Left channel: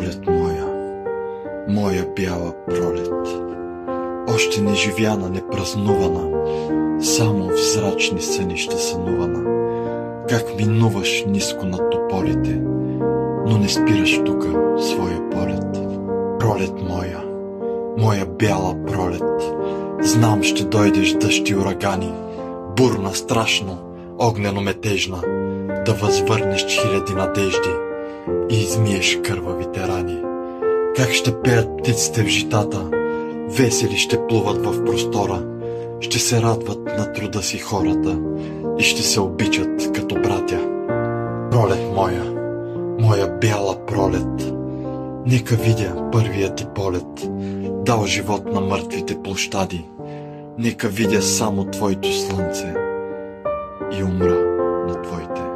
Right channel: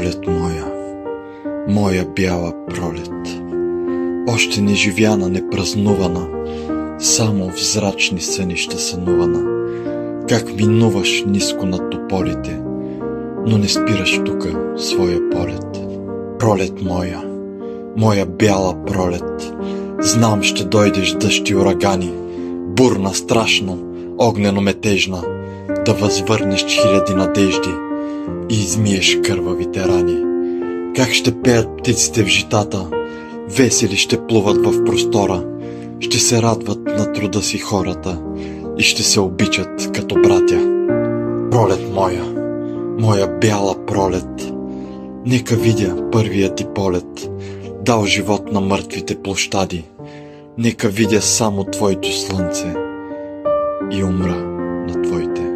Пролет моя, моя бяла пролет, още не живяна, не празнувана, само в зрачни сънища сънувана, как минуваш ниско над тополите, но не спираш тука своя полет. Пролет моя, моя бяла пролет, знам ще дойдеш дъжд и урагани, бурна, страшно, огнено метежна, да възвърнеш хиляди надежди и измиеш кървавите рани. Как ще пеят птиците в житата, весели ще плуват в простора, ще се радват на труда си хората и ще се обичат като братя. Пролет моя, моя бяла пролет, нека видя първият ти полет, дал живот на мъртвите площади, нека видя само твоето слънце и умра на твоите